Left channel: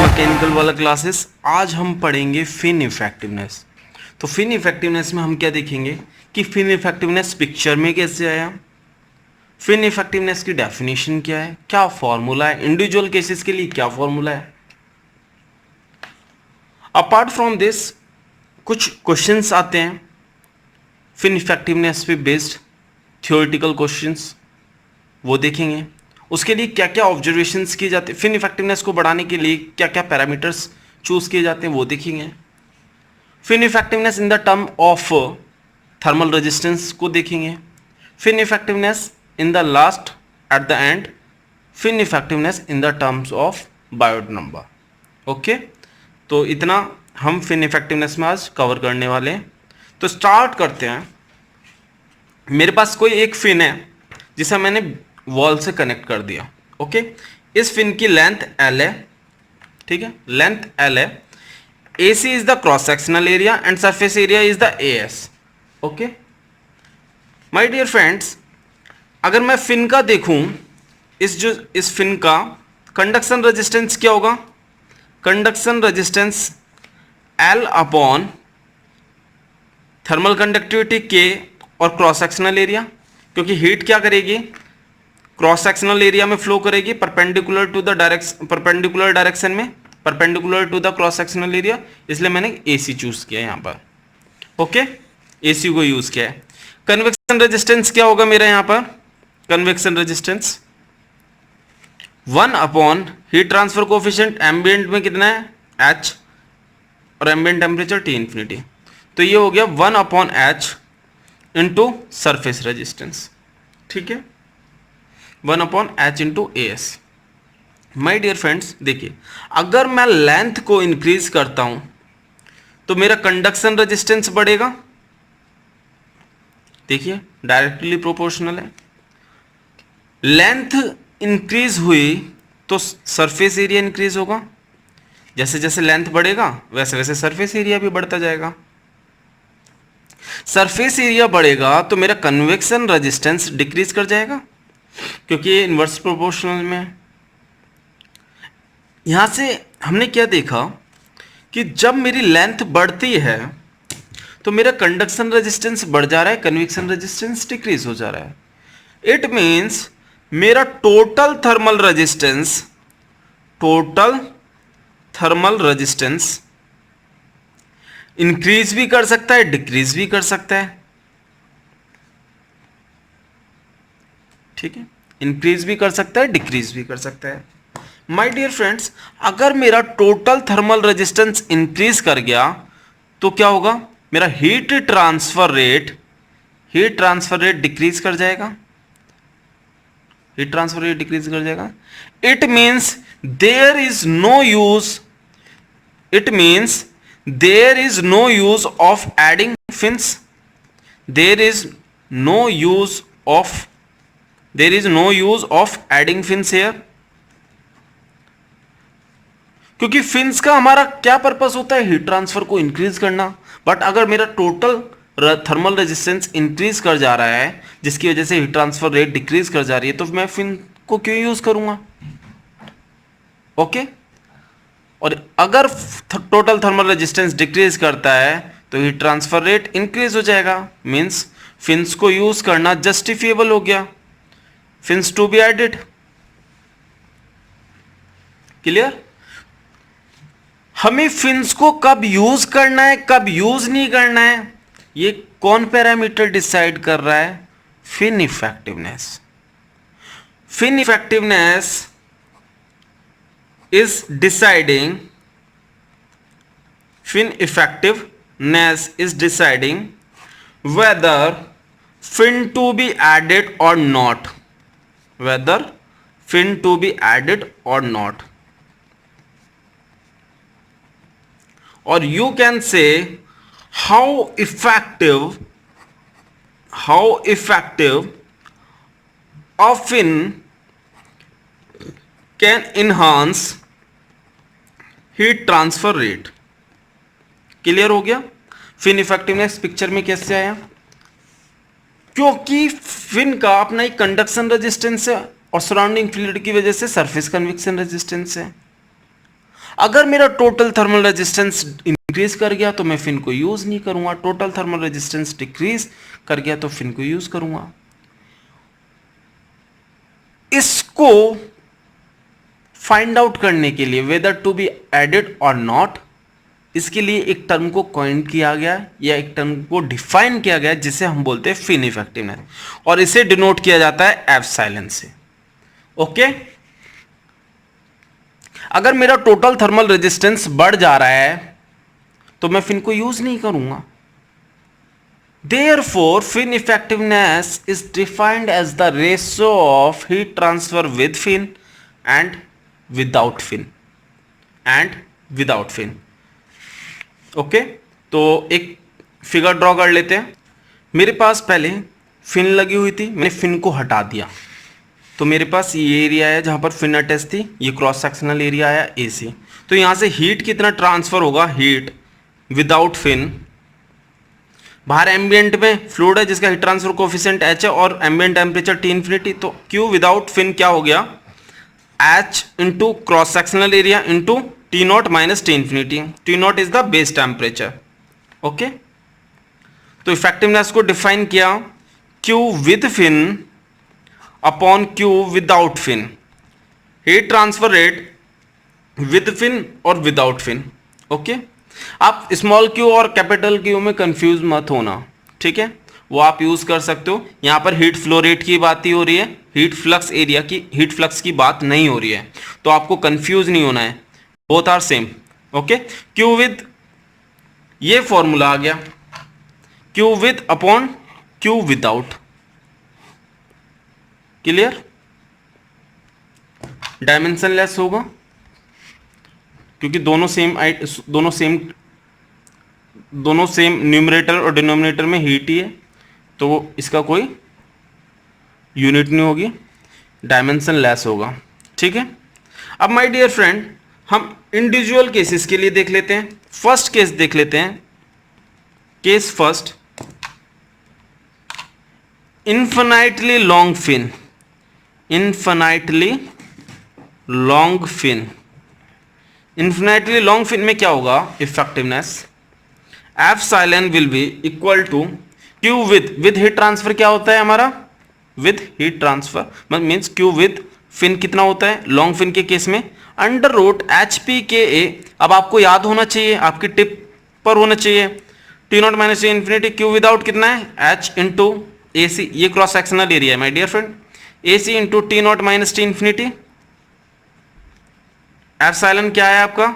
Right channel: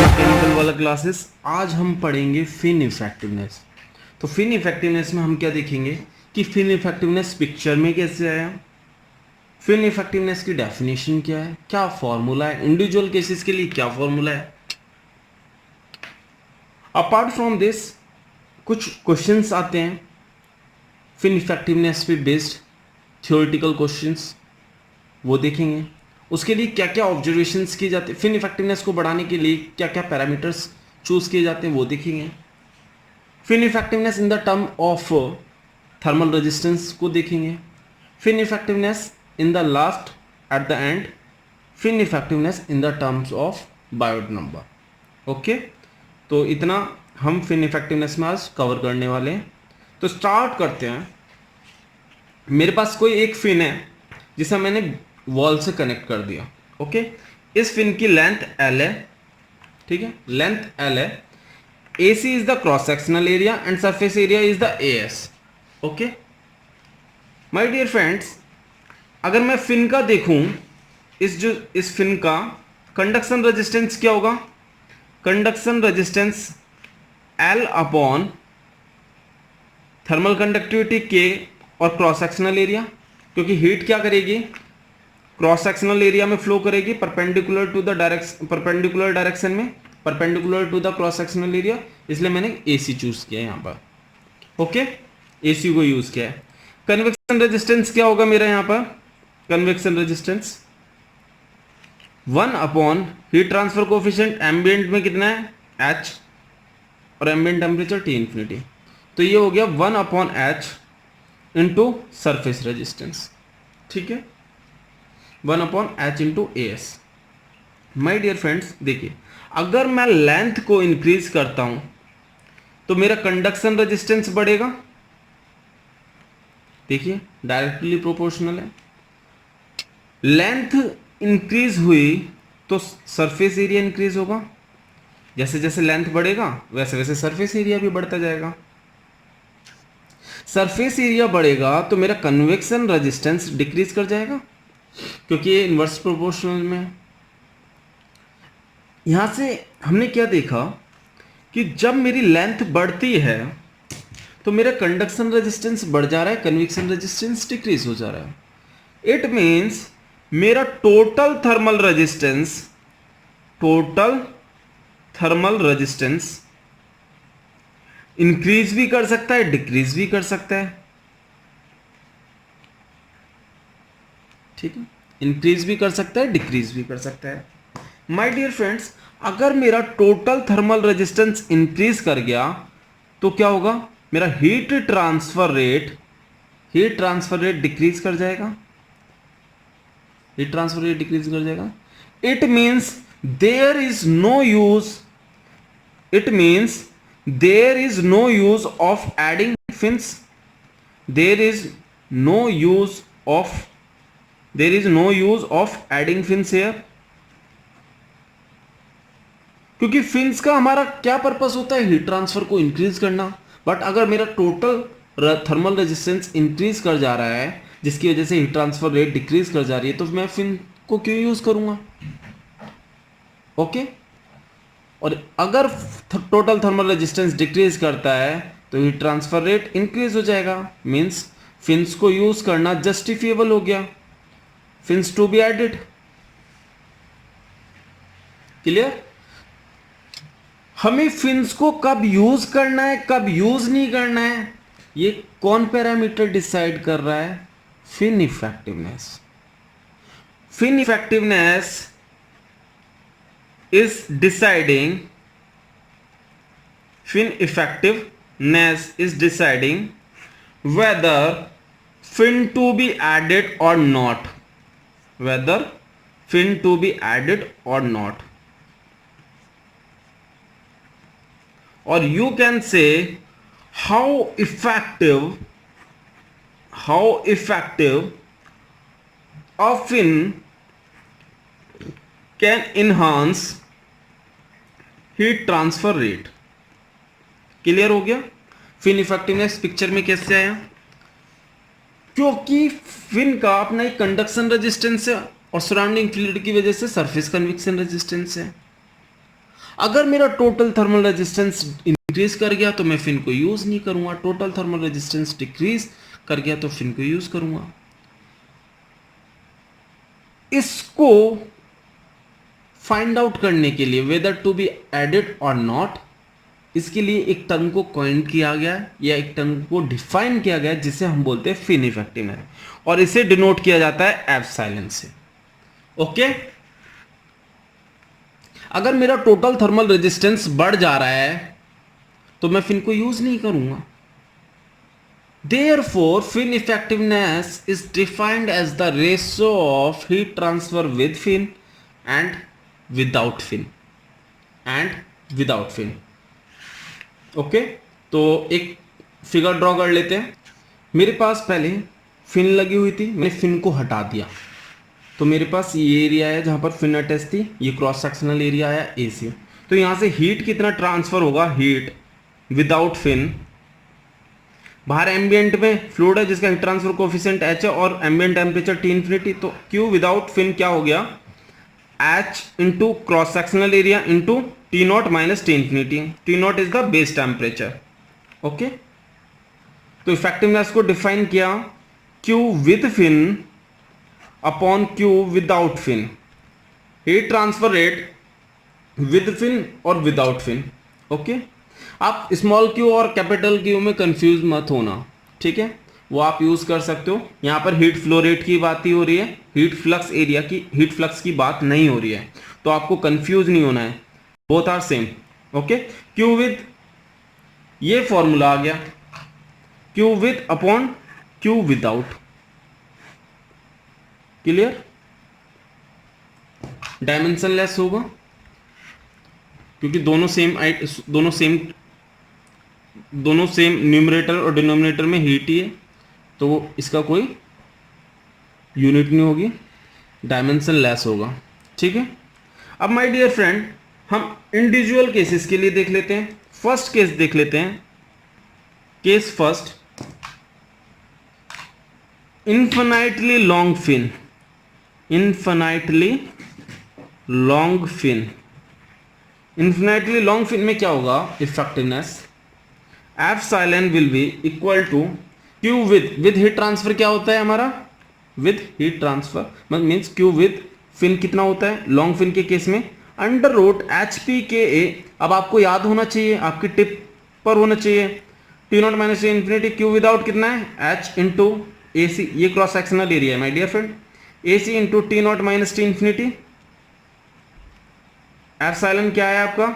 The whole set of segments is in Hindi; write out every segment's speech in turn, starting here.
मैकेनिकल वाला क्लासेस। आज हम पढ़ेंगे फिन इफेक्टिवनेस। तो फिन इफेक्टिवनेस में हम क्या देखेंगे कि फिन इफेक्टिवनेस पिक्चर में कैसे आया, फिन इफेक्टिवनेस की डेफिनेशन क्या है, क्या फॉर्मूला है, इंडिविजुअल केसेस के लिए क्या फॉर्मूला है। अपार्ट फ्रॉम दिस कुछ क्वेश्चंस आते हैं फिन इफेक्टिवनेस पे बेस्ड, थियोरेटिकल क्वेश्चंस, वो देखेंगे। उसके लिए क्या क्या ऑब्जर्वेशंस किए जाते हैं, फिन इफेक्टिवनेस को बढ़ाने के लिए क्या क्या पैरामीटर्स चूज किए जाते हैं, वो देखेंगे। Fin effectiveness in the term of thermal resistance को देखेंगे। Fin effectiveness in the last at the end, fin effectiveness in the terms of Biot number. Okay, तो इतना हम फिन इफेक्टिवनेस में आज कवर करने वाले हैं। तो स्टार्ट करते हैं। मेरे पास कोई एक फिन है जिसे मैंने वॉल से कनेक्ट कर दिया। ओके, इस फिन की लेंथ एल है, ठीक है, लेंथ एल है। A C is the cross sectional area and surface area is the A S. Okay my dear friends, अगर मैं फिन का देखूं, इस फिन का कंडक्शन रेजिस्टेंस क्या होगा, conduction resistance L upon thermal conductivity K और क्रॉस सेक्शनल एरिया, क्योंकि हीट क्या करेगी, क्रॉस सेक्शनल एरिया में फ्लो करेगी perpendicular to the direction, perpendicular direction में, perpendicular to the cross sectional area, इसलिए मैंने एसी चूज किया यहाँ पर। ओके, एसी को यूज किया है। कन्वेक्शन रेजिस्टेंस क्या होगा मेरा यहाँ पर, convection resistance 1 upon heat transfer coefficient ambient में कितना है H और एम्बिएंट टेम्परेचर T इन्फिनिटी, तो ये हो गया 1 upon H into surface resistance. ठीक है, 1 upon H into A S. My dear friends देखिए, अगर मैं लेंथ को इंक्रीज करता हूं तो मेरा कंडक्शन रेजिस्टेंस बढ़ेगा। देखिए डायरेक्टली प्रोपोर्शनल है। लेंथ इंक्रीज हुई तो सरफेस एरिया इंक्रीज होगा, जैसे जैसे लेंथ बढ़ेगा वैसे वैसे सरफेस एरिया भी बढ़ता जाएगा। सरफेस एरिया बढ़ेगा तो मेरा कन्वेक्शन रेजिस्टेंस डिक्रीज कर जाएगा, क्योंकि ये इन्वर्स प्रोपोर्शनल में है। यहां से हमने क्या देखा कि जब मेरी लेंथ बढ़ती है तो मेरा कंडक्शन रेजिस्टेंस बढ़ जा रहा है, कन्वेक्शन रेजिस्टेंस डिक्रीज हो जा रहा है। इट मींस मेरा टोटल थर्मल रेजिस्टेंस इंक्रीज भी कर सकता है, डिक्रीज भी कर सकता है। ठीक है, इंक्रीज भी कर सकता है, डिक्रीज भी कर सकता है। माय डियर फ्रेंड्स, अगर मेरा टोटल थर्मल रेजिस्टेंस इंक्रीज कर गया तो क्या होगा, मेरा हीट ट्रांसफर रेट डिक्रीज कर जाएगा, हीट ट्रांसफर रेट डिक्रीज कर जाएगा। It means there is no use of adding fins, there is no use of adding fins here, क्योंकि फिन्स का हमारा क्या पर्पस होता है, हीट ट्रांसफर को इंक्रीज करना। बट अगर मेरा टोटल थर्मल रेजिस्टेंस इंक्रीज कर जा रहा है जिसकी वजह से हीट ट्रांसफर रेट डिक्रीज कर जा रही है, तो मैं फिन को क्यों यूज करूंगा। ओके, और अगर टोटल थर्मल रेजिस्टेंस डिक्रीज करता है तो हीट ट्रांसफर रेट इंक्रीज हो जाएगा, मींस फिन्स को यूज करना जस्टिफिएबल हो गया, fins to be added. Clear. हमें फिन्स को कब यूज करना है, कब यूज नहीं करना है, ये कौन पैरामीटर डिसाइड कर रहा है, fin effectiveness. Fin effectiveness is deciding whether fin to be added or not, or you can say how effective a fin can enhance heat transfer rate. Clear हो गया। फिन इफेक्टिवनेस पिक्चर में कैसे आया, क्योंकि फिन का अपना एक कंडक्शन रेजिस्टेंस है और सराउंडिंग फ्लूइड की वजह से सरफेस कन्वेक्शन रेजिस्टेंस है। अगर मेरा टोटल थर्मल रेजिस्टेंस इंक्रीज कर गया तो मैं फिन को यूज नहीं करूंगा, टोटल थर्मल रेजिस्टेंस डिक्रीज कर गया तो फिन को यूज करूंगा। इसको फाइंड आउट करने के लिए वेदर टू बी एडेड और नॉट, इसके लिए एक टर्म को कॉइन किया गया या एक टर्म को डिफाइन किया गया जिसे हम बोलते हैं फिन इफेक्टिवनेस, और इसे डिनोट किया जाता है एप्सिलॉन से। ओके, अगर मेरा टोटल थर्मल रेजिस्टेंस बढ़ जा रहा है तो मैं फिन को यूज नहीं करूंगा। Therefore, fin effectiveness is defined as the ratio of heat transfer with fin and without fin and without fin. Okay, तो एक फिगर ड्रॉ कर लेते हैं। मेरे पास पहले फिन लगी हुई थी, मैंने फिन को हटा दिया तो मेरे पास ये एरिया है जहां पर फिन अटैच थी, ये क्रॉस सेक्शनल एरिया आया AC। तो यहां से हीट कितना ट्रांसफर होगा, हीट विदाउट फिन, बाहर एम्बिएंट में फ्लूइड है जिसका हीट ट्रांसफर कोफिशिएंट H है और एम्बिएंट टेम्परेचर T इन्फिनिटी, तो Q विदाउट फिन क्या हो गया, H into cross sectional area into T not minus T infinity. T not is the base temperature. Okay, तो इफेक्टिवनेस को डिफाइन किया Q with fin upon Q without fin, heat transfer rate with fin और विदाउट फिन। ओके, आप स्मॉल क्यू और कैपिटल क्यू में कंफ्यूज मत होना, ठीक है, वो आप यूज कर सकते हो। यहां पर हीट फ्लो रेट की बात ही हो रही है, हीट फ्लक्स एरिया की, हीट फ्लक्स की बात नहीं हो रही है, तो आपको कंफ्यूज नहीं होना है, both are same. Okay, Q with, ये फॉर्मूला आ गया, Q with upon Q without, clear, dimensionless होगा क्योंकि दोनों सेम न्यूमरेटर और डिनोमिनेटर में हीट ही है, तो इसका कोई यूनिट नहीं होगी, डायमेंशन लेस होगा। ठीक है, अब माय डियर फ्रेंड हम इंडिविजुअल केसेस के लिए देख लेते हैं। फर्स्ट केस देख लेते हैं, case first, infinitely long fin, infinitely long fin, infinitely long fin में क्या होगा, effectiveness epsilon will be equal to Q with heat transfer, क्या होता है हमारा, with heat transfer means Q with fin कितना होता है लॉन्ग फिन के केस में, अंडर रूट HPKA। अब आपको याद होना चाहिए, आपकी टिप पर होना चाहिए, T not minus T infinity, Q without कितना है H इंटू AC, ये क्रॉस सेक्शनल एरिया है my dear friend, AC into T not minus T infinity, epsilon क्या है आपका,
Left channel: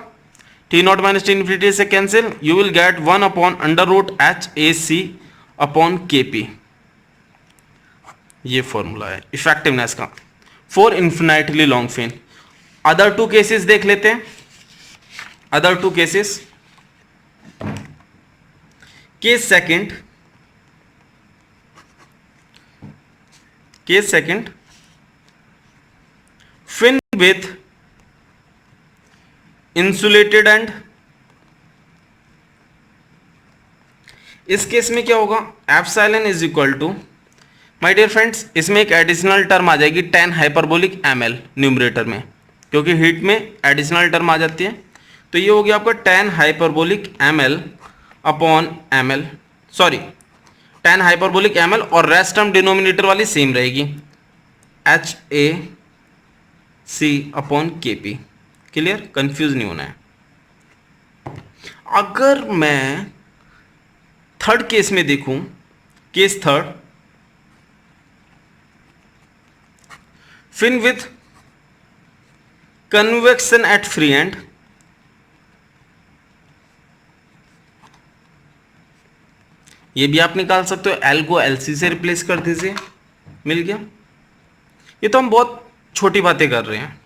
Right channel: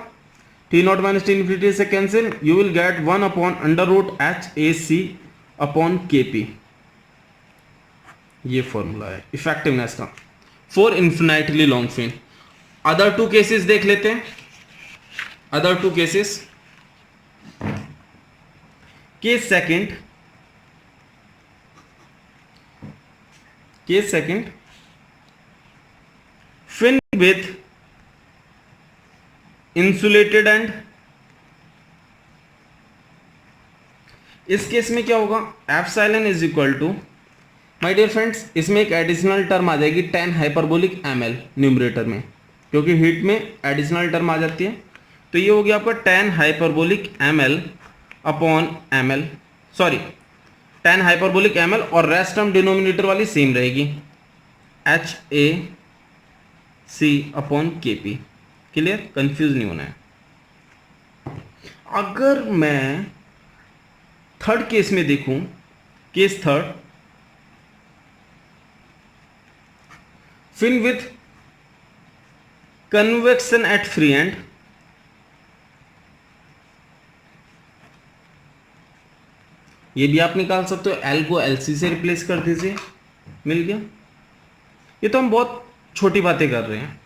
T not minus T infinity से cancel, you will get 1 upon under root HAC upon KP। ये फॉर्मूला है इफेक्टिवनेस का for infinitely long fin. Other two cases देख लेते हैं, other two cases, case second, fin with insulated end, इस केस में क्या होगा, epsilon is equal to, my dear friends इसमें एक एडिशनल टर्म आ जाएगी tan हाइपरबोलिक ml न्यूमरेटर में, क्योंकि हीट में एडिशनल टर्म आ जाती है, तो ये हो गया आपका tan hyperbolic ml upon ml, sorry tan hyperbolic ml, और रेस्ट टर्म डिनोमिनेटर वाली सेम रहेगी HAC upon KP। Clear, confuse नहीं होना है। अगर मैं थर्ड केस में देखूं, case third, fin with convection at free end, ये भी आप निकाल सकते हो, L को LC से रिप्लेस कर दीजिए, मिल गया। ये तो हम बहुत छोटी बातें कर रहे हैं,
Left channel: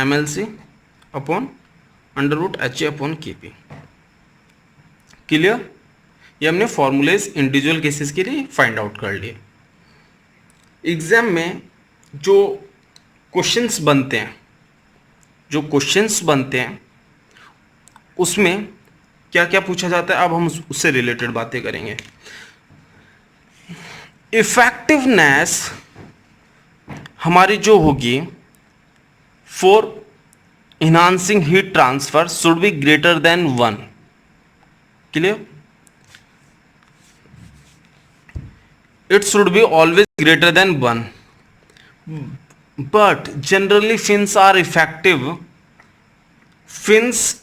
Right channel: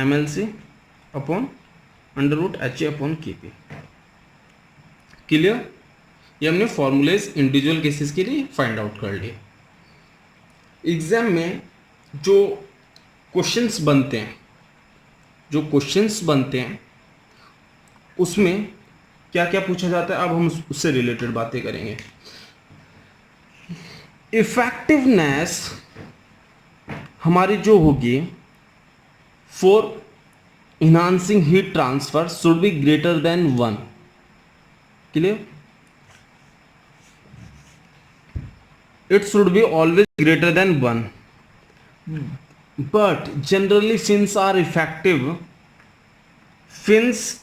MLC upon under root HA upon KP। Clear, ये हमने फॉर्मूलेज इंडिविजुअल केसेस के लिए फाइंड आउट कर लिए। एग्जाम में जो क्वेश्चंस बनते हैं उसमें क्या क्या पूछा जाता है, अब हम उससे रिलेटेड बातें करेंगे। इफेक्टिवनेस हमारी जो होगी for enhancing heat transfer should be greater than 1. Clear? It should be always greater than 1. but generally fins are effective. fins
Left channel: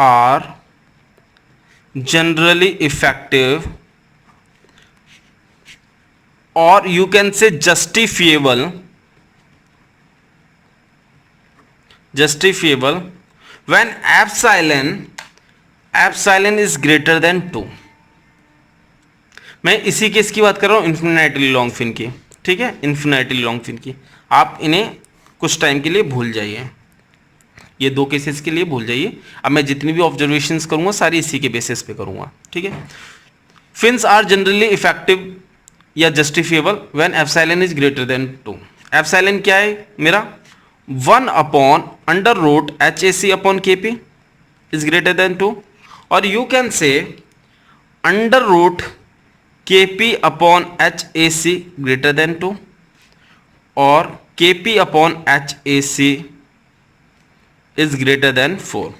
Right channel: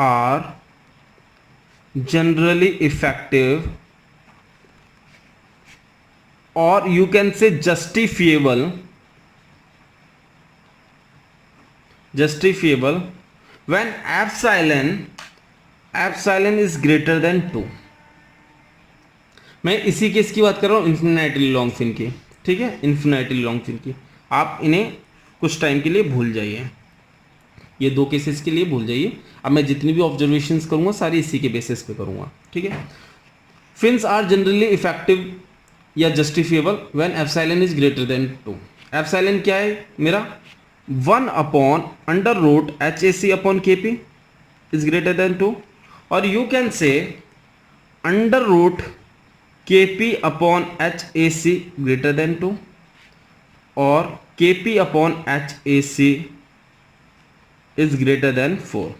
are generally effective, or you can say justifiable when epsilon is greater than 2. मैं इसी केस की बात कर रहा हूँ, इन्फिनिटली लॉन्ग फिन की. ठीक है, इन्फिनिटली लॉन्ग फिन की. आप इन्हें कुछ टाइम के लिए भूल जाइए, ये दो केसेस के लिए भूल जाइए. अब मैं जितनी भी ऑब्जर्वेशंस करूंगा सारी इसी के बेसिस पे करूंगा. ठीक है. फिन्स आर जनरली इफेक्टिव या justifiable when epsilon is greater then 2. Epsilon क्या है मेरा? 1/√HAC upon KP is greater then 2, और यू कैन से √KP upon HAC greater than 2, और KP upon HAC is greater then 4.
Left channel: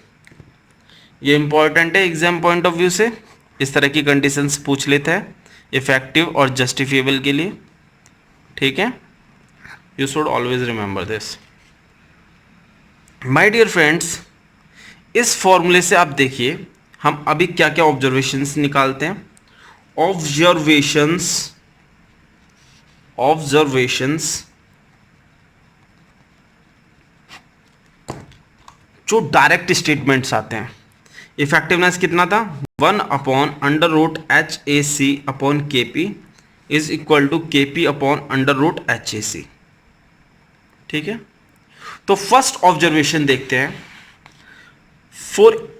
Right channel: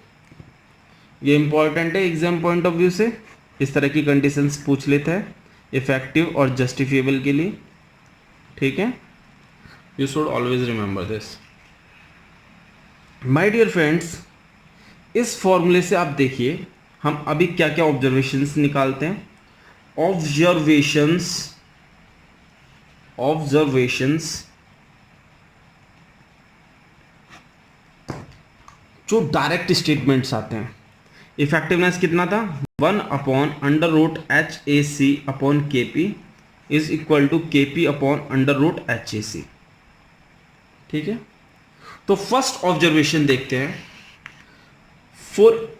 ये इंपॉर्टेंट है एग्जाम पॉइंट ऑफ व्यू से. इस तरह की कंडीशंस पूछ लेता है इफेक्टिव और जस्टिफिएबल के लिए. ठीक है, you should always remember this. My dear friends, इस फॉर्मूले से आप देखिए हम अभी क्या क्या ऑब्जर्वेशंस निकालते हैं. ऑब्जर्वेशंस जो डायरेक्ट स्टेटमेंट्स आते हैं. इफेक्टिवनेस कितना था? 1/√HAC upon KP is equal to KP upon √HAC. ठीक है, तो फर्स्ट ऑब्जर्वेशन देखते हैं. For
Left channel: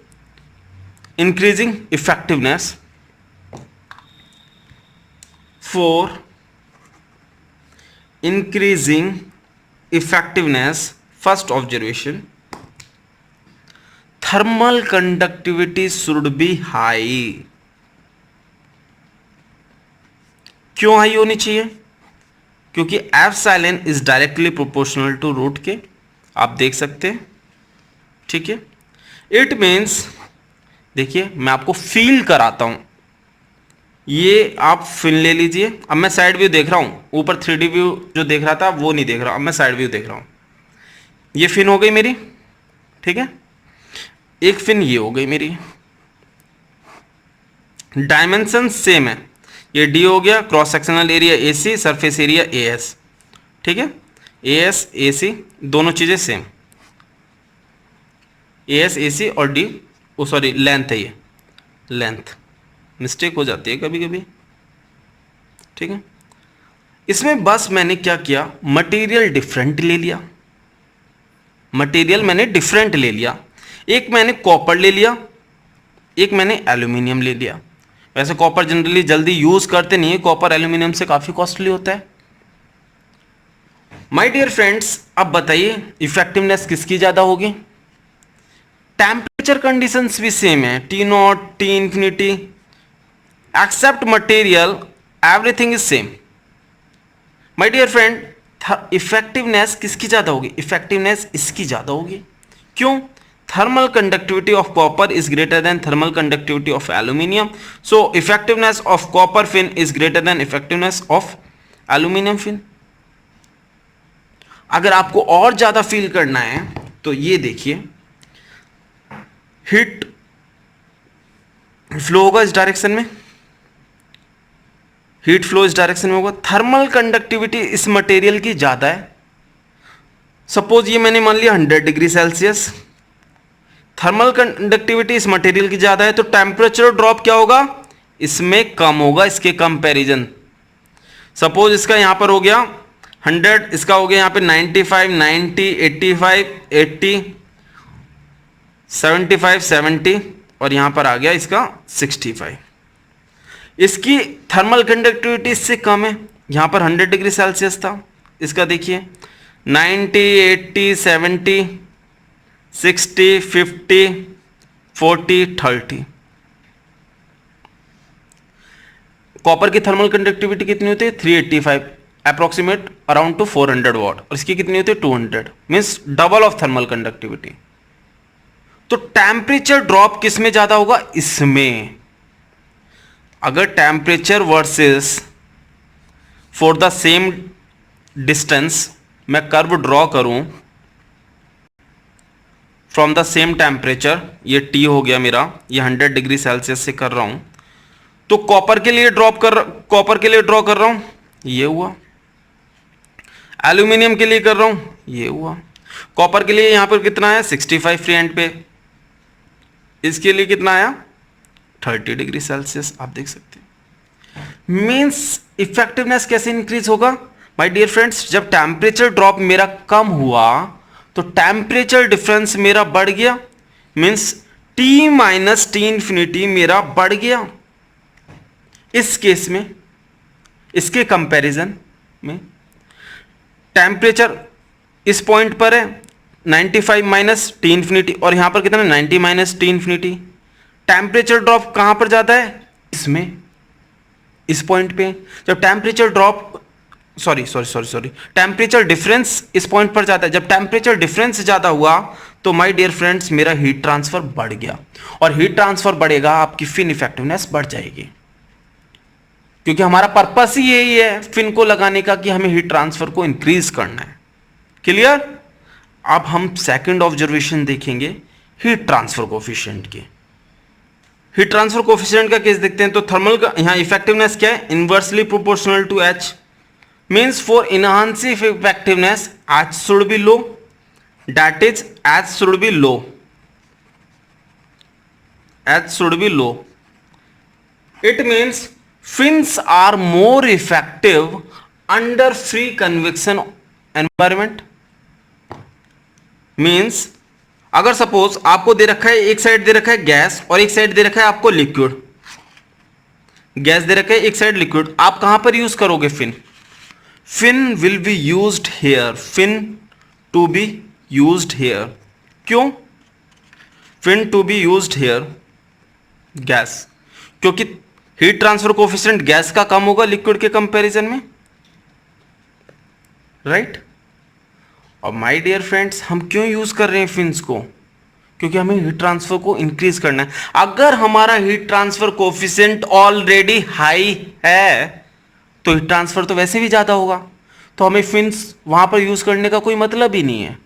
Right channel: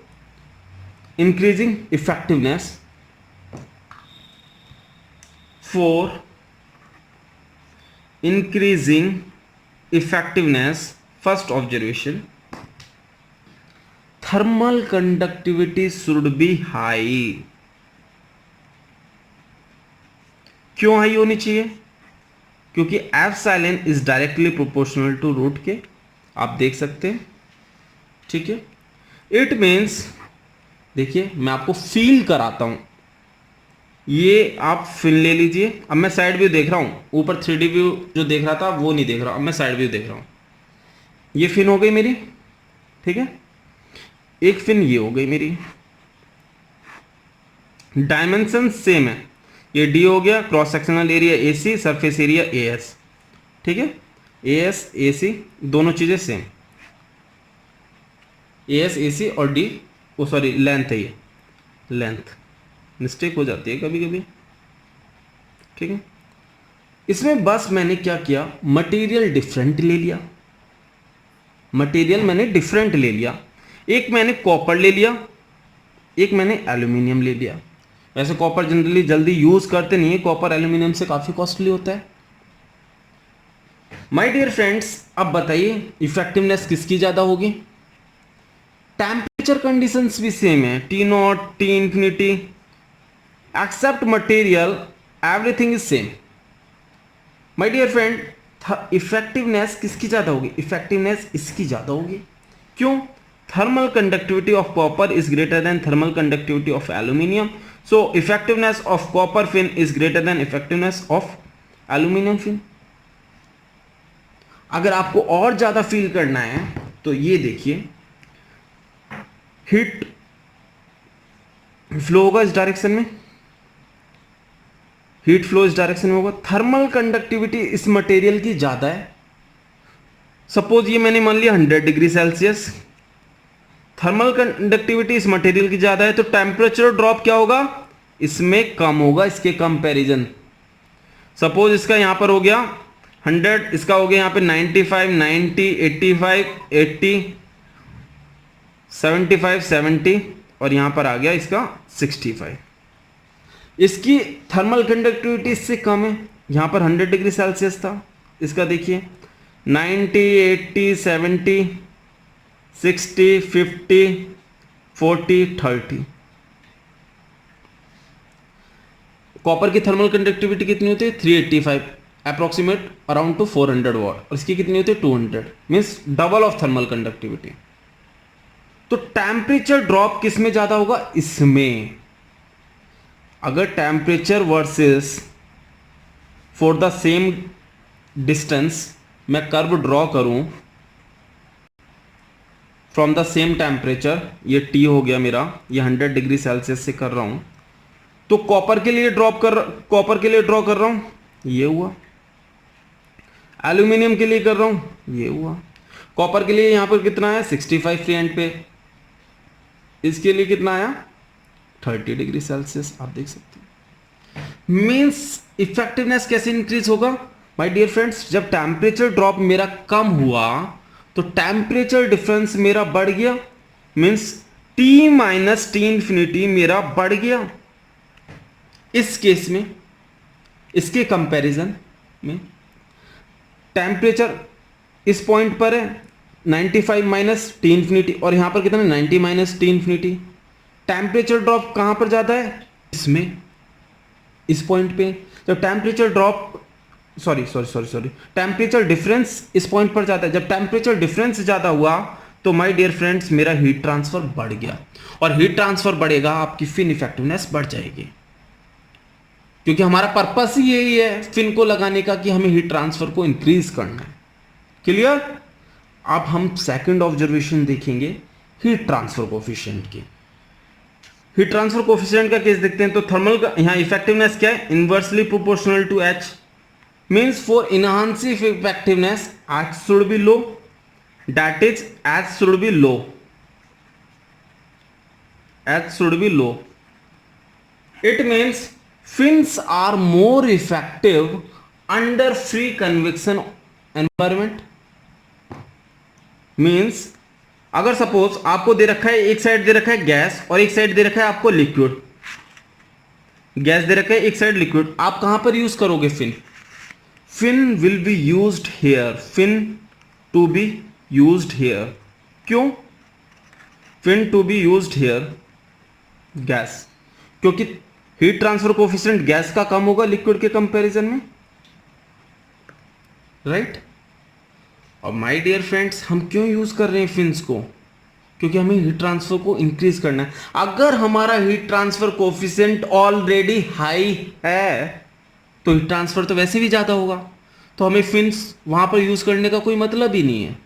increasing effectiveness, first observation, thermal conductivity should be high. क्यों हाई होनी चाहिए? क्योंकि epsilon is directly proportional to root K. आप देख सकते हैं. ठीक है, इट मीन्स, देखिए मैं आपको फील कराता हूं. ये आप फील ले लीजिए. अब मैं साइड व्यू देख रहा हूं, ऊपर 3D व्यू जो देख रहा था वो नहीं देख रहा. अब मैं साइड व्यू देख रहा हूं. ये फिन हो गई मेरी. ठीक है, एक फिन ये हो गई मेरी. डायमेंशन सेम है. ये D हो गया, cross sectional area AC, surface area AS. ठीक है, AS AC दोनों चीजें सेम. AS AC और D, ओ सॉरी लेंथ है, ये लेंथ मिस्टेक हो जाती है कभी कभी. ठीक है, इसमें बस मैंने क्या किया, मटेरियल डिफरेंट ले लिया. एक मैंने कॉपर ले लिया, एक मैंने एल्यूमिनियम ले लिया. वैसे कॉपर जनरली जल्दी यूज करते नहीं है, कॉपर एल्यूमिनियम से काफी कॉस्टली होता है. माय डियर फ्रेंड्स, अब बताइए इफेक्टिवनेस किसकी ज्यादा होगी? टेम्परेचर कंडीशंस भी सेम है, T0, T infinity, except material, everything is same. My dear friend, effectiveness किसकी ज्यादा होगी? इफेक्टिवनेस इसकी ज्यादा होगी. क्यों? thermal conductivity of copper is greater than thermal conductivity of aluminium, so effectiveness of copper fin is greater than effectiveness of aluminium fin. अगर आपको और ज्यादा फील करना है तो ये देखिए, हीट फ्लो होगा इस डायरेक्शन में, हीट फ्लो इस डायरेक्शन में होगा. थर्मल कंडक्टिविटी इस मटेरियल की ज्यादा है. सपोज ये मैंने मान लिया 100 डिग्री सेल्सियस. थर्मल कंडक्टिविटी इस मटेरियल की ज्यादा है, तो टेम्परेचर ड्रॉप क्या होगा? इसमें कम होगा इसके कंपैरिजन. सपोज इसका यहां पर हो गया 100, इसका हो गया यहां पे 95, 90, 85, 80, 75, 70, और यहां पर आ गया इसका 65. इसकी थर्मल कंडक्टिविटी इससे कम है. यहां पर 100 डिग्री सेल्सियस था, इसका देखिए 90, 80, 70, 60, 50, 40, 30. कॉपर की थर्मल कंडक्टिविटी कितनी होती है 385 अप्रोक्सीमेट अराउंड टू 400 वॉट, और इसकी कितनी होती है 200, means double of thermal conductivity. तो टेम्परेचर ड्रॉप किस में ज्यादा होगा, इसमें। अगर temperature versus for the same distance मैं कर्व ड्रॉ करूं फ्रॉम द सेम टेम्परेचर, ये T हो गया मेरा, ये 100 डिग्री सेल्सियस से कर रहा हूं, तो कॉपर के लिए ड्रॉ कर रहा हूं, ये हुआ। एल्यूमिनियम के लिए कर रहा हूं, ये हुआ। कॉपर के लिए यहां पर कितना है 65 फ्री एंड पे, इसके लिए कितना आया 30 डिग्री सेल्सियस, आप देख सकते हैं। मींस इफेक्टिवनेस कैसे इंक्रीज होगा माय डियर फ्रेंड्स, जब टेम्परेचर ड्रॉप मेरा कम हुआ तो टेम्परेचर डिफरेंस मेरा बढ़ गया, means T minus T infinity मेरा बढ़ गया। इस केस में, इसके कंपैरिजन में टेम्परेचर इस पॉइंट पर है 95 माइनस T इंफिनिटी, और यहां पर कितना 90 minus T infinity. Temperature drop कहां पर जाता है, इसमें, इस पॉइंट पे। जब टेम्परेचर ड्रॉप टेम्परेचर डिफरेंस इस पॉइंट पर जाता है, जब टेम्परेचर डिफरेंस ज्यादा हुआ तो माय डियर फ्रेंड्स मेरा हीट ट्रांसफर बढ़ गया, और हीट ट्रांसफर बढ़ेगा आपकी फिन इफेक्टिवनेस बढ़ जाएगी, क्योंकि हमारा पर्पस ही यही है फिन को लगाने का कि हमें हीट ट्रांसफर को इंक्रीज करना है। क्लियर। अब हम सेकंड ऑब्जर्वेशन देखेंगे हीट ट्रांसफर कोफिशिएंट की। हीट ट्रांसफर कोफिशिएंट का केस देखते हैं। तो थर्मल का यहां इफेक्टिवनेस क्या है, inversely proportional to H, means for enhancing effectiveness H should be low, that is H should be low, H should be low. It means fins are more effective under free convection environment. Means अगर सपोज आपको दे रखा है, एक साइड दे रखा है गैस और एक साइड दे रखा है आपको लिक्विड, गैस दे रखा है एक साइड लिक्विड, आप कहां पर यूज करोगे fin? Fin will be used here. Fin to be used here. क्यों? Fin to be used here. Gas, क्योंकि हीट ट्रांसफर कोफिशिएंट गैस का कम होगा लिक्विड के कंपैरिजन में, राइट? और माय डियर फ्रेंड्स, हम क्यों यूज कर रहे हैं फिन्स को? क्योंकि हमें हीट ट्रांसफर को इंक्रीज करना है। अगर हमारा heat transfer coefficient already high है तो हीट ट्रांसफर तो वैसे भी ज़्यादा होगा, तो हमें फिन्स वहां पर यूज़ करने का कोई मतलब ही नहीं है।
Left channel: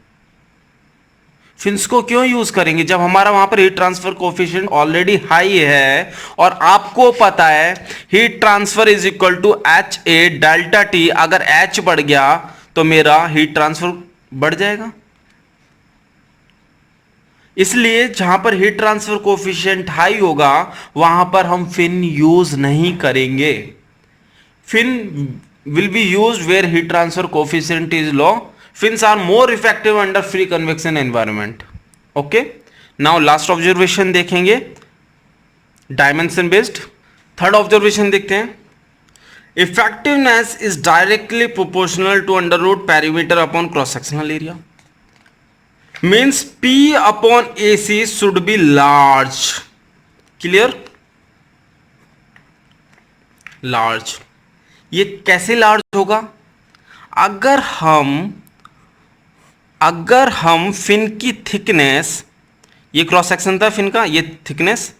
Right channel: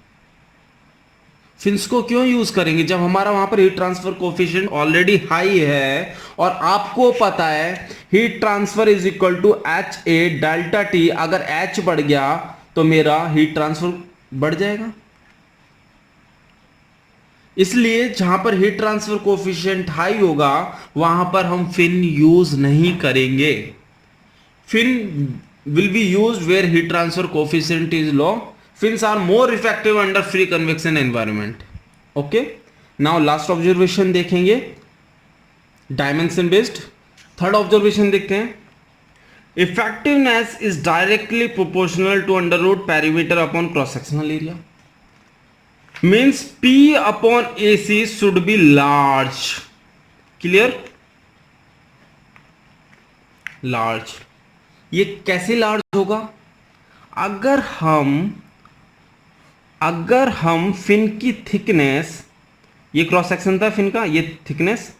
फिन्स को क्यों यूज़ करेंगे जब हमारा वहां पर heat transfer coefficient already high है, और आपको पता है heat transfer is equal to HA delta T। अगर H बढ़ गया तो मेरा हीट ट्रांसफर बढ़ जाएगा। इसलिए जहां पर हीट ट्रांसफर कोफिशिएंट हाई होगा वहां पर हम फिन यूज नहीं करेंगे। Fin will be used where heat transfer coefficient is low. Fins are more effective under free convection environment. Okay. Now last observation देखेंगे dimension based. Third observation देखते हैं। Effectiveness is directly proportional to under root perimeter upon cross sectional area. Means P upon AC should be large. Clear? Large. ये कैसे लार्ज होगा? अगर हम फिन की थिकनेस, ये क्रॉस सेक्शन था फिन का, ये थिकनेस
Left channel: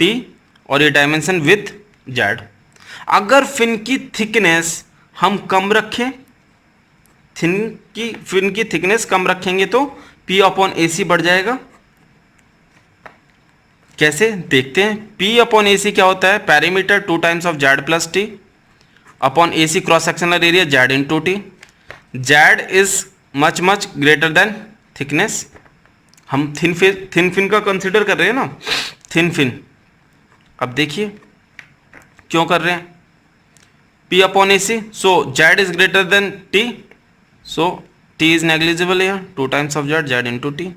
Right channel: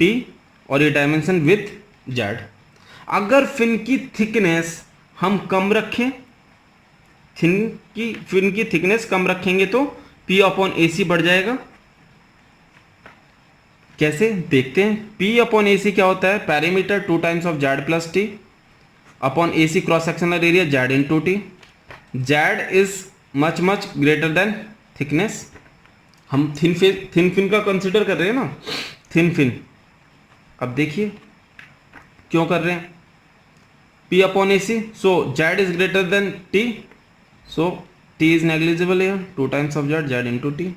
T और ये डायमेंशन विथ Z, अगर फिन की थिकनेस हम कम रखें, फिन की थिकनेस कम रखेंगे तो P अपॉन AC बढ़ जाएगा। कैसे देखते हैं। P अपॉन AC क्या होता है, parameter 2 times of Z plus T upon AC cross sectional area Z into T। Z is much greater than thickness. हम थिन फिन का कंसिडर कर रहे हैं ना, थिन फिन। अब देखिए क्यों कर रहे हैं, P upon AC, so Z is greater than T, so T is negligible है, 2 times of Z into T।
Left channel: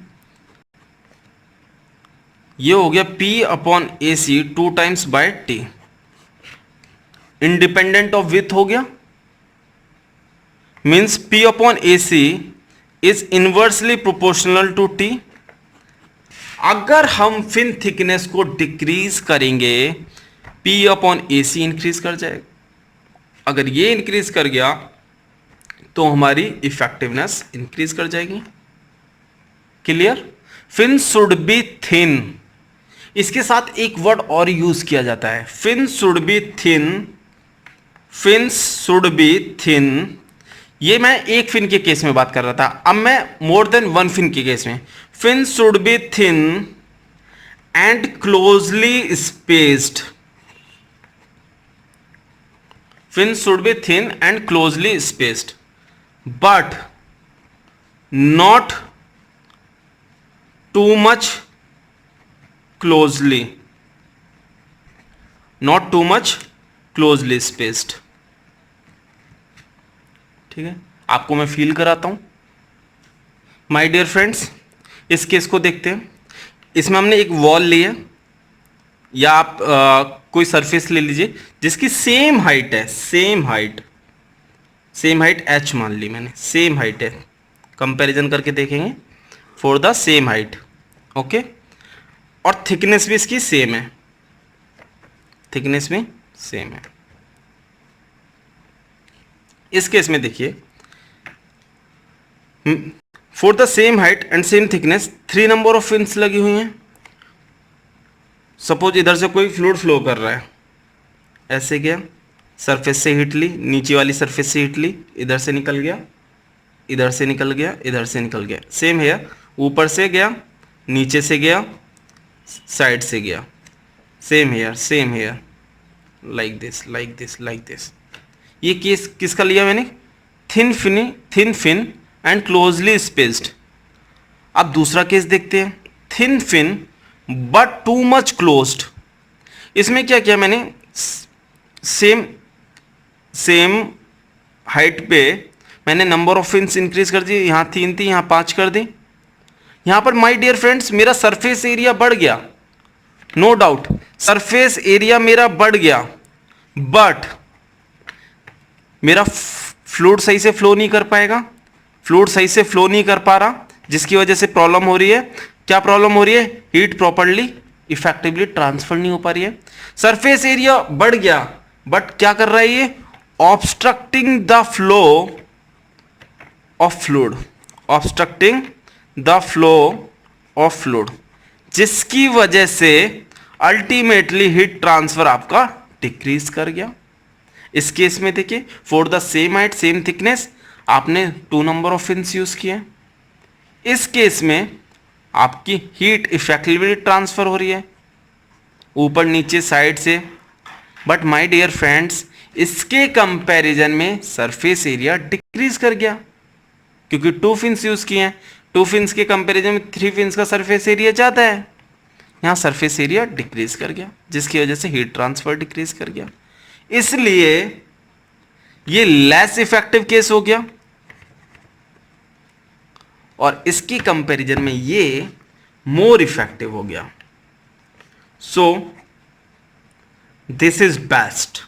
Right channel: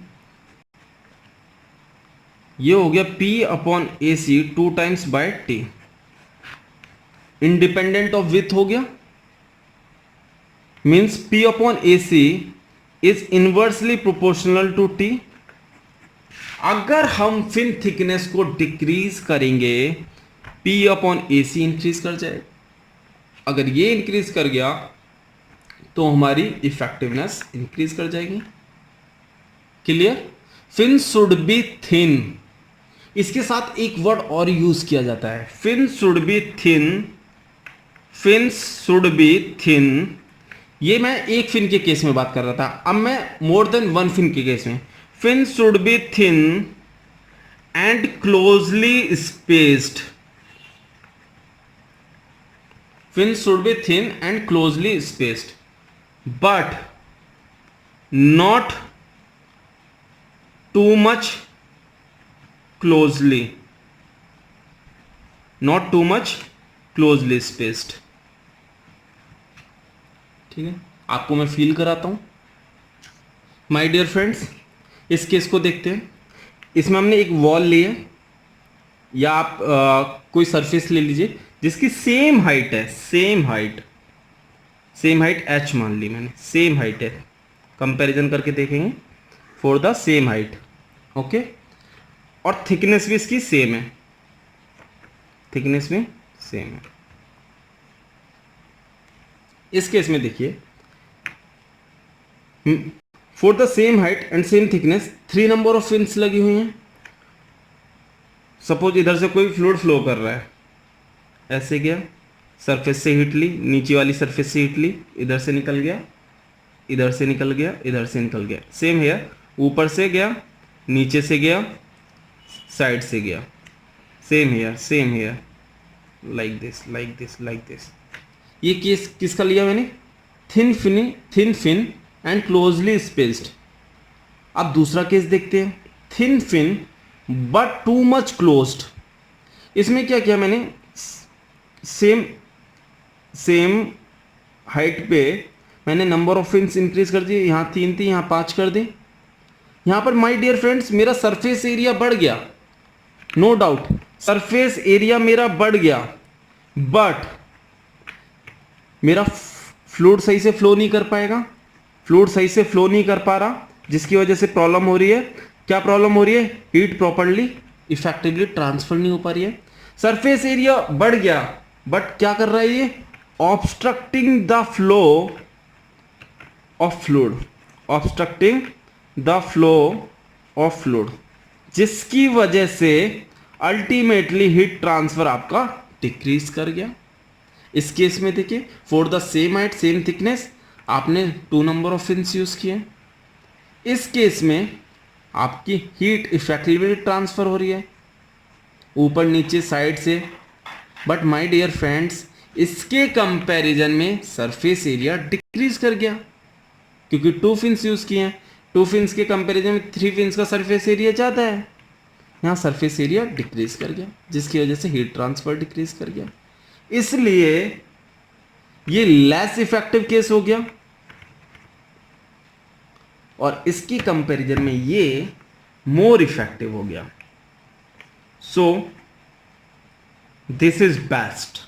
ये हो गया P upon AC 2 times by T, independent of with हो गया। Means P upon AC is inversely proportional to T। अगर हम फिन थिकनेस को डिक्रीज करेंगे P upon A C increase कर जाएगा। अगर ये इंक्रीज कर गया तो हमारी इफेक्टिवनेस इंक्रीज कर जाएगी। Clear? Fin should be thin. इसके साथ एक वर्ड और यूज किया जाता है, fin should be thin. Fins should be thin. ये मैं एक फिन के केस में बात कर रहा था, अब मैं मोर देन वन फिन के केस में। Fin should be thin and closely spaced. Fins should be thin and closely spaced, but not too much closely. Not too much closely spaced. ठीक है, आपको मैं फील कराता हूं। माय डियर फ्रेंड्स, इस केस को देखते हैं। इसमें हमने एक वॉल ली है, या आप कोई सरफेस ले लीजिए जिसकी सेम हाइट है, सेम हाइट h मान ली मैंने, सेम हाइट है। कंपैरिजन करके देखेंगे for the same height, okay. और थिकनेस भी इसकी सेम है, थिकनेस भी सेम है। इस केस में देखिए, for the same height and same thickness 3 number of fins लगी हुई हैं। सपोज इधर से कोई फ्लूइड फ्लो कर रहा है, ऐसे गया, सरफेस से हिट ली, नीचे वाली सरफेस से हिट ली, इधर से निकल गया, इधर से निकल गया, इधर से निकल गया। सेम है, ऊपर से गया, नीचे से गया, साइड से गया। Same here, like this, like this, like this. ये केस किसका लिया मैंने? Thin fin and closely spaced. अब दूसरा केस देखते हैं, thin fin but too much closed. इसमें क्या किया मैंने? सेम हाइट पे मैंने नंबर ऑफ फिन्स इंक्रीज कर दी। यहाँ 3 थी, यहाँ 5 कर दी। यहाँ पर माय डियर फ्रेंड्स मेरा सरफेस एरिया बढ़ गया, नो डाउट सरफेस एरिया मेरा बढ़ गया, बट मेरा फ्लूइड सही से फ्लो नहीं कर पाएगा, फ्लूइड सही से फ्लो नहीं कर पा रहा, जिसकी वजह से प्रॉब्लम हो रही है। क्या प्रॉब्लम हो रही है? हीट प्रॉपर्ली इफेक्टिवली ट्रांसफर नहीं हो पा रही है। सरफेस एरिया बढ़ गया, बट क्या कर रहा है ये? Obstructing the flow of fluid, obstructing the flow of fluid, जिसकी वजह से अल्टीमेटली हीट ट्रांसफर आपका डिक्रीज कर गया। इस केस में देखिए, for the same height same thickness आपने 2 नंबर ऑफ फिन्स यूज किए। इस केस में आपकी हीट इफेक्टिवली ट्रांसफर हो रही है ऊपर नीचे साइड से। बट माय डियर फ्रेंड्स, इसके कंपैरिजन में सरफेस एरिया डिक्रीज कर गया, क्योंकि 2 फिन्स यूज किए हैं। 2 फिन्स के कंपैरिजन में 3 फिन्स का सरफेस एरिया ज़्यादा है। यहाँ सरफेस एरिया डिक्रीज कर गया, जिसकी वजह से हीट ट्रांसफर डिक्रीज कर गया। इसलिए ये लेस इफेक्टिव केस हो गया, और इसकी कंपैरिजन में ये मोर इफेक्टिव हो गया। So this is best,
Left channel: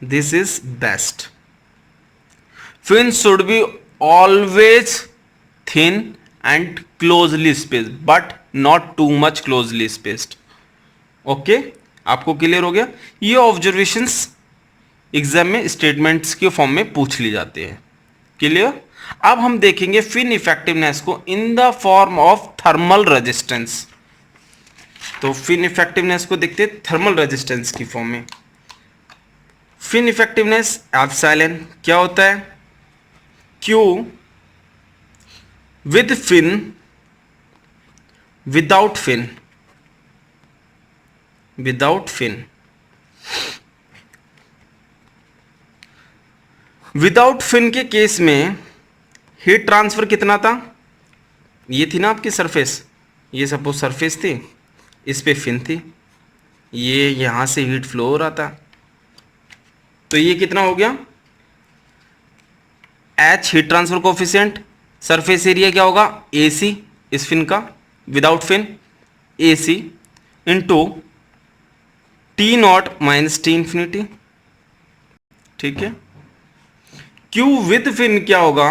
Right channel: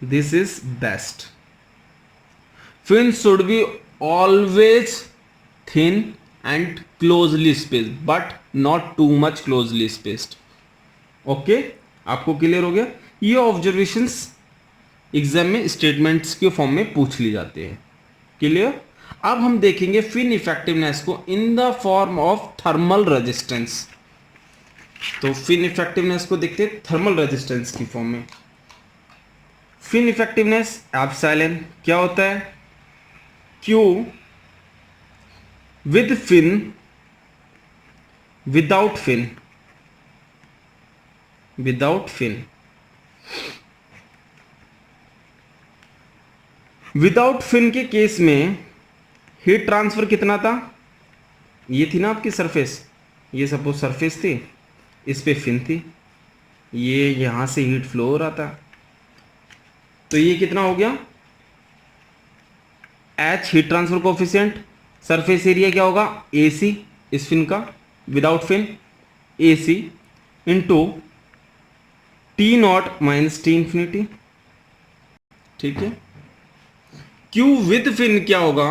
this is best. Fin should be always thin and closely spaced, but not too much closely spaced. Okay, आपको क्लियर हो गया? ये ऑब्जर्वेशंस एग्जाम में स्टेटमेंट्स के फॉर्म में पूछ ली जाते हैं। क्लियर? अब हम देखेंगे फिन इफेक्टिवनेस को in the form of thermal resistance. तो फिन इफेक्टिवनेस को देखते हैं थर्मल रेजिस्टेंस की फॉर्म में। फिन इफेक्टिवनेस एप्सिलॉन क्या होता है? Q with fin, without fin, without fin. Without fin के केस में हीट ट्रांसफर कितना था? ये थी ना आपकी सरफेस, ये सपोज सरफेस थी, इस पे फिन थी, ये यहां से हीट फ्लो हो रहा था, तो ये कितना हो गया? H heat transfer coefficient, surface area क्या होगा? AC इस फिन का, without fin AC into T0 minus T infinity. ठीक है। Q विद फिन क्या होगा?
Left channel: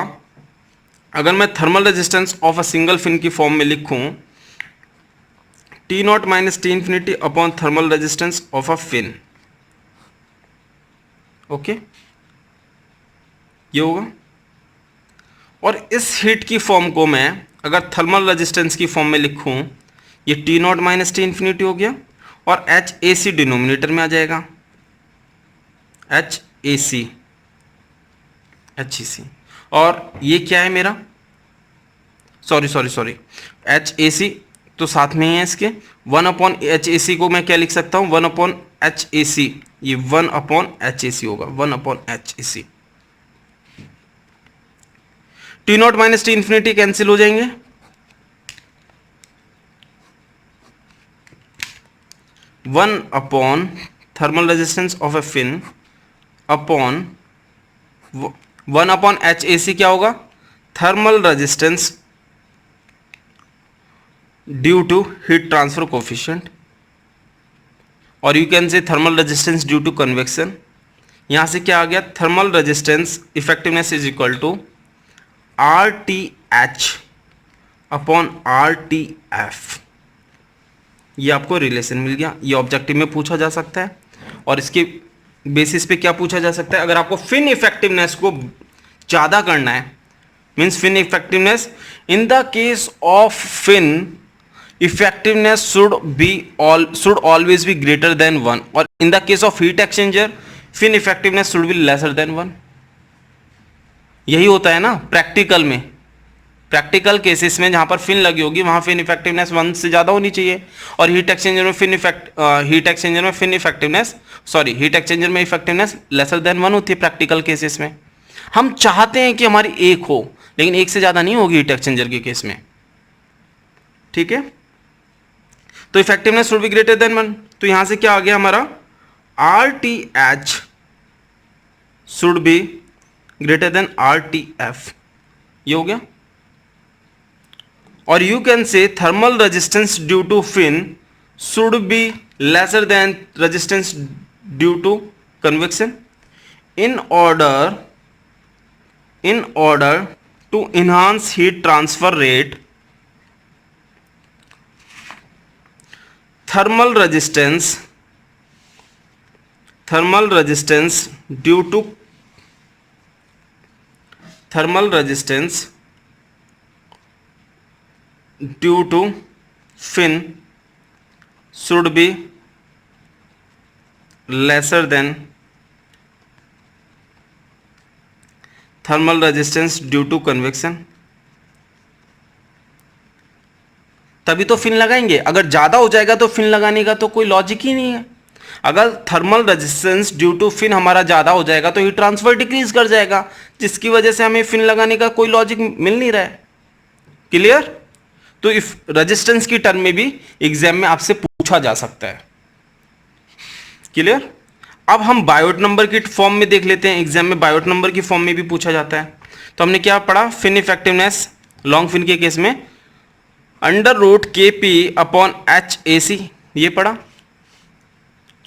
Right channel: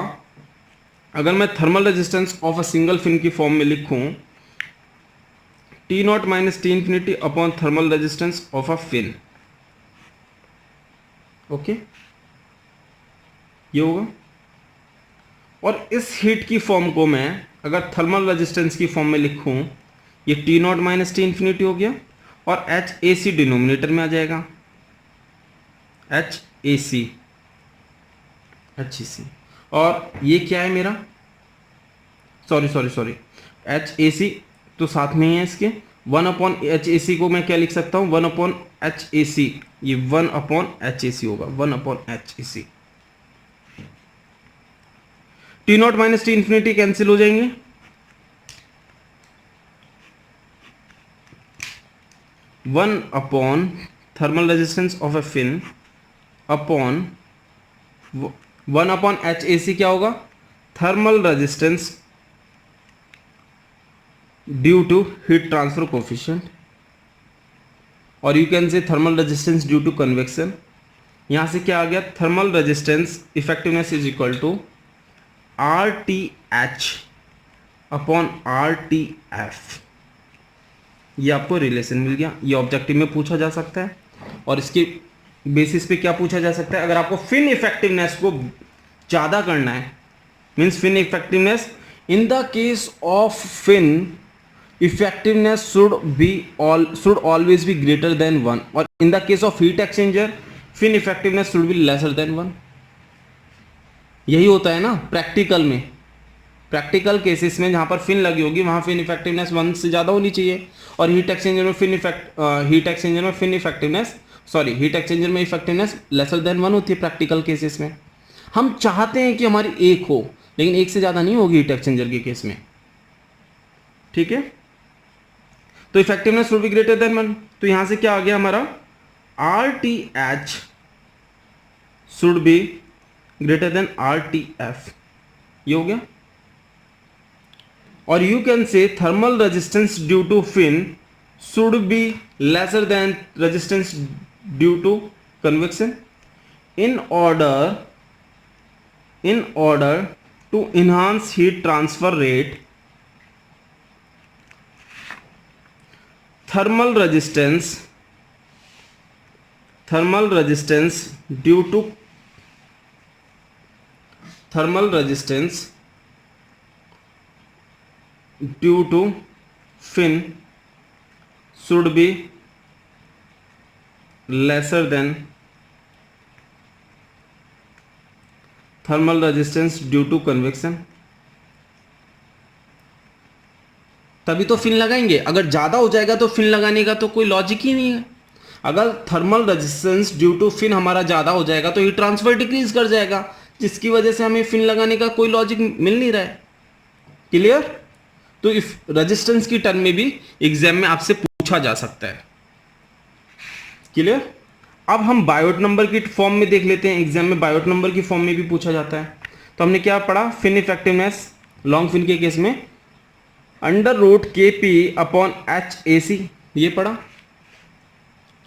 अगर मैं thermal resistance of a single fin की फॉर्म में लिखूं, T not minus T infinity upon thermal resistance of a fin. Okay, ये होगा। और इस हीट की फॉर्म को मैं अगर थर्मल रेजिस्टेंस की फॉर्म में लिखूं, ये T not minus T infinity हो गया और एच ए सी डिनोमिनेटर में आ जाएगा, एच ए सी, और ये क्या है मेरा, सॉरी एच ए सी तो साथ में ही है इसके। 1 अपॉन एच ए सी को मैं क्या लिख सकता हूँ, 1 अपॉन एच ए सी, ये 1 अपॉन एच ए सी होगा, 1 upon H A C. T not minus T infinity cancel हो जाएंगे, 1 upon thermal resistance of a fin upon 1 upon H A C क्या होगा, thermal resistance due to heat transfer coefficient, और you can say thermal resistance due to convection. यहां से क्या आ गया, thermal resistance effectiveness is equal to R T H upon R T F. ये आपको रिलेशन मिल गया, ये ऑब्जेक्टिव में पूछा जा सकता है और इसके बेसिस पे क्या पूछा जा सकता है, अगर आपको फिन इफेक्टिवनेस को ज़्यादा करना है, means fin effectiveness in the case of fin effectiveness should always be greater than 1, और in the case of heat exchanger fin effectiveness should be lesser than 1। यही होता है ना प्रैक्टिकल में, प्रैक्टिकल केसेस में जहां पर फिन लगी होगी वहां फिन इफेक्टिवनेस 1 से ज़्यादा होनी चाहिए, और हीट एक्सचेंजर में इफेक्टिवनेस लेसर देन 1 होती है प्रैक्टिकल केसेस में। हम चाहते हैं कि हमारी 1 हो, लेकिन 1 से ज़्यादा नहीं होगी हीट एक्सचेंजर के केस में, ठीक है। तो effectiveness should be greater than 1, तो यहां से क्या आ गया हमारा, R T H should be greater than R T F, ये हो गया। और you can say thermal resistance due to fin should be lesser than resistance due to convection in order to enhance heat transfer rate, thermal resistance due to fin should be lesser than thermal resistance due to convection. तभी तो फिन लगाएंगे, अगर ज़्यादा हो जाएगा तो फिन लगाने का तो कोई लॉजिक ही नहीं है। अगर thermal resistance due to fin हमारा ज़्यादा हो जाएगा तो हीट ट्रांसफर डिक्रीज कर जाएगा, जिसकी वजह से हमें फिन लगाने का कोई लॉजिक मिल नहीं रहा है। क्लियर? तो इफ रेजिस्टेंस की टर्म में भी एग्जाम में आपसे पूछा जा सकता है। क्लियर? अब हम बायोट नंबर की फॉर्म में देख लेते हैं, एग्जाम में बायोट नंबर की फॉर्म में भी पूछा जाता है। तो हमने क्या पढ़ा, फिन इफेक्टिवनेस लॉन्ग फिन के केस में अंडर रूट के पी अपॉन एच ए सी, ये पढ़ा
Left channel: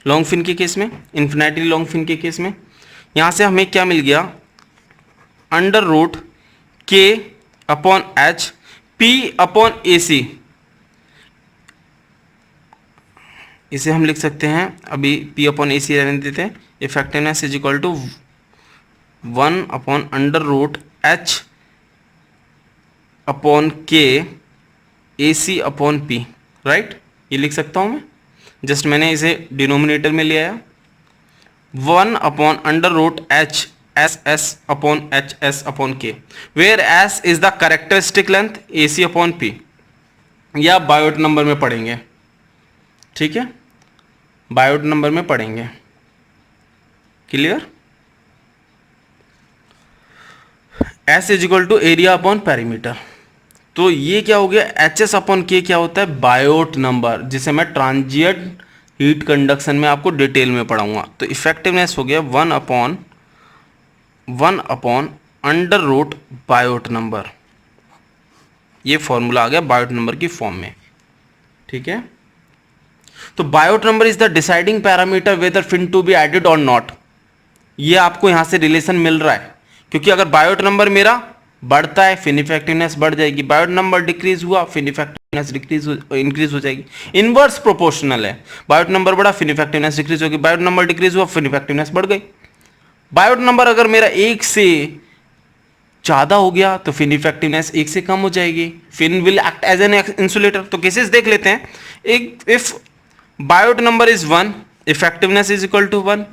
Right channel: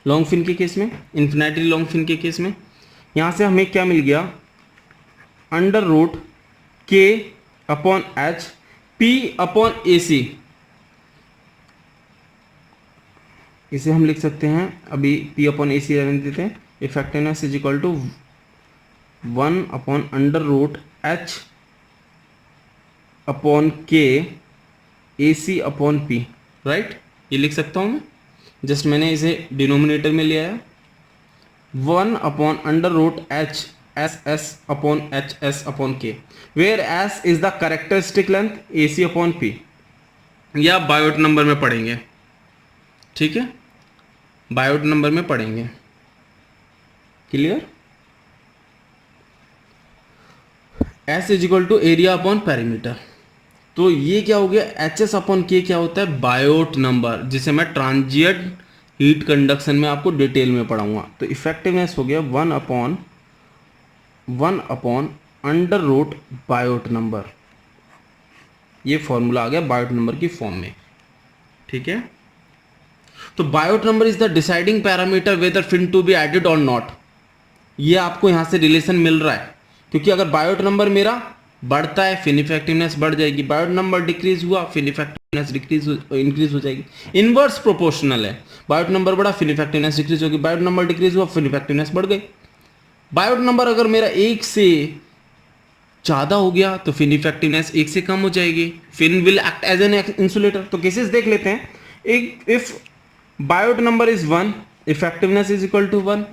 लॉन्ग फिन के केस में, इन्फिनिटली लॉन्ग फिन के केस में। यहां से हमें क्या मिल गया, अंडर रूट के upon H P upon A सी, इसे हम लिख सकते हैं, अभी P अपॉन ए सी रहने देते हैं। Effectiveness is equal to 1 upon under root H upon K A C upon P, right? ये लिख सकता हूँ मैं, जस्ट मैंने इसे डिनोमिनेटर में ले आया। 1 upon under root H S S upon H S upon K, where S is the characteristic length A C upon P। ये आप बायोट नंबर में पढ़ेंगे, ठीक है, बायोट नंबर में पढ़ेंगे। Clear? S is equal to area upon perimeter. तो ये क्या हो गया, एच एस अपॉन के क्या होता है, बायोट नंबर, जिसे मैं ट्रांजिएंट हीट कंडक्शन में आपको डिटेल में पढ़ाऊंगा। तो इफेक्टिवनेस हो गया 1 upon under root Biot number. ये फॉर्मूला आ गया बायोट नंबर की फॉर्म में, ठीक है। तो Biot number is the deciding parameter whether fin to be added और नॉट। ये आपको यहां से रिलेशन मिल रहा है, क्योंकि अगर बायोट नंबर मेरा बढ़ता है फिन इफेक्टिवनेस बढ़ जाएगी, बायोट नंबर डिक्रीज हुआ फिन इफेक्टिवनेस डिक्रीज इंक्रीज हो जाएगी। इनवर्स प्रोपोर्शनल है, बायोट नंबर बढ़ा फिन इफेक्टिवनेस डिक्रीज होगी, बायोट नंबर डिक्रीज हुआ फिन इफेक्टिवनेस बढ़ गई। बायोट नंबर अगर मेरा 1 से ज्यादा हो गया तो फिन इफेक्टिवनेस 1 से कम हो जाएगी। Fin will act as an insulator. तो केसेस देख लेते हैं। एक if Biot number is 1, effectiveness is equal to 1,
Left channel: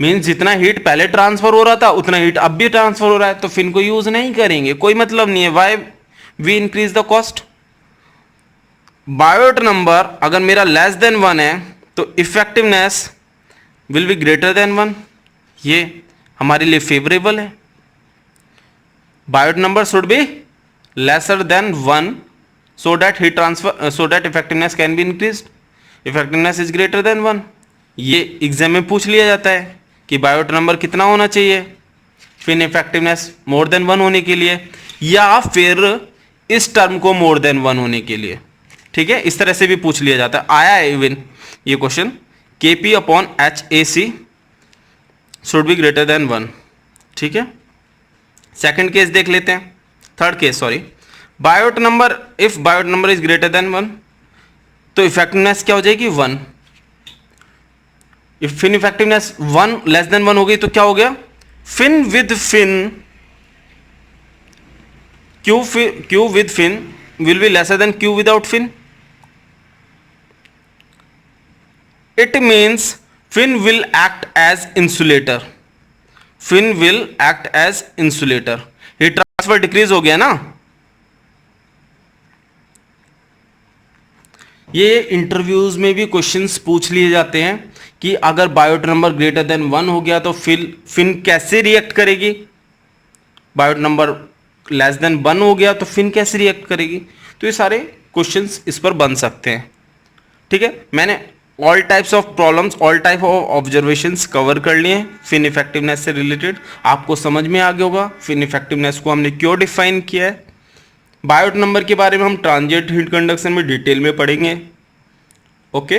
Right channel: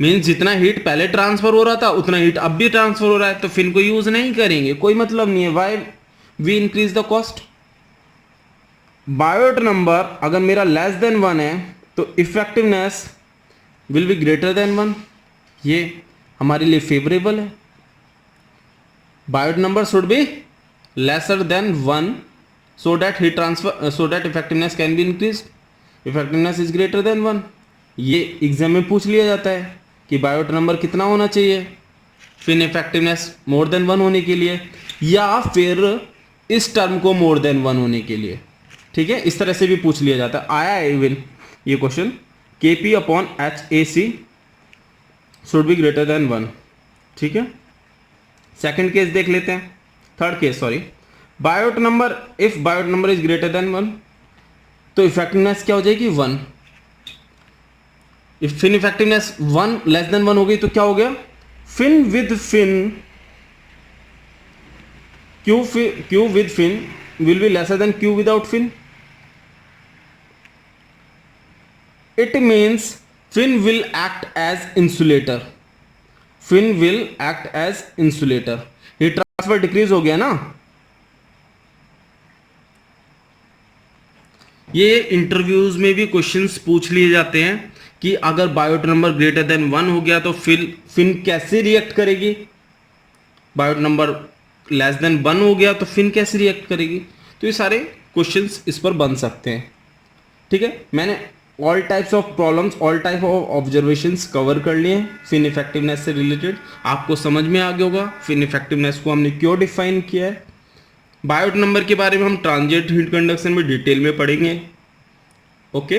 means जितना हीट पहले ट्रांसफर हो रहा था उतना हीट अब भी ट्रांसफर हो रहा है, तो फिन को यूज नहीं करेंगे, कोई मतलब नहीं है। Why we increase the cost. Biot number अगर मेरा लेस देन 1 है तो effectiveness will be greater than 1, ये हमारे लिए फेवरेबल है। Biot number should be lesser than 1 so that heat transfer so that effectiveness can be increased, effectiveness is greater than 1। ये एग्जाम में पूछ लिया जाता है कि बायोट नंबर कितना होना चाहिए फिन इफेक्टिवनेस मोर देन 1 होने के लिए, या फिर इस टर्म को मोर देन 1 होने के लिए। ठीक है, इस तरह से भी पूछ लिया जाता है, आया है इवन ये question. Kp upon HAC should be greater than 1। ठीक है, सेकंड केस देख लेते हैं, third case sorry. Biot number, if Biot number is greater than 1 तो इफेक्टिवनेस क्या हो जाएगी 1। If fin effectiveness 1 less than 1 हो गई तो क्या हो गया, fin with fin, Q with fin will be lesser than Q without fin. It means fin will act as insulator, fin will act as insulator. Heat transfer decrease हो गया ना। ये इंटरव्यूज में भी क्वेश्चंस पूछ लिए जाते हैं कि अगर बायोट नंबर ग्रेटर देन 1 हो गया तो फिन कैसे रिएक्ट करेगी, बायोट नंबर लेस देन 1 हो गया तो फिन कैसे रिएक्ट करेगी। तो ये सारे क्वेश्चंस इस पर बन सकते हैं। ठीक है, मैंने all types of problems, all type of observations cover कर लिए हैं फिन इफेक्टिवनेस से रिलेटेड। आपको समझ में आ गया होगा फिन इफेक्टिवनेस को हमने क्यों डिफाइन किया है। बायोट नंबर के बारे में हम ट्रांजिएंट हीट कंडक्शन में डिटेल में पढ़ेंगे। ओके,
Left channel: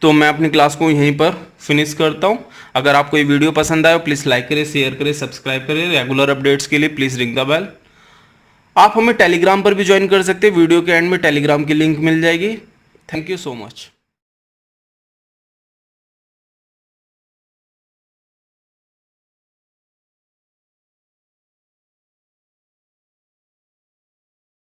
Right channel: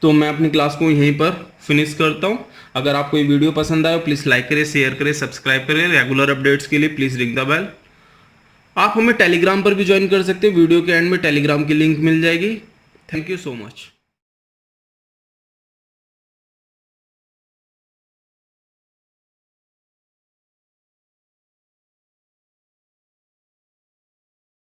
तो मैं अपनी क्लास को यहीं पर फिनिश करता हूँ। अगर आपको ये वीडियो पसंद आए प्लीज़ लाइक करें, शेयर करें, सब्सक्राइब करें। रेगुलर अपडेट्स के लिए प्लीज़ रिंग द बेल। आप हमें टेलीग्राम पर भी ज्वाइन कर सकते हैं, वीडियो के एंड में टेलीग्राम की लिंक मिल जाएगी। Thank you so much.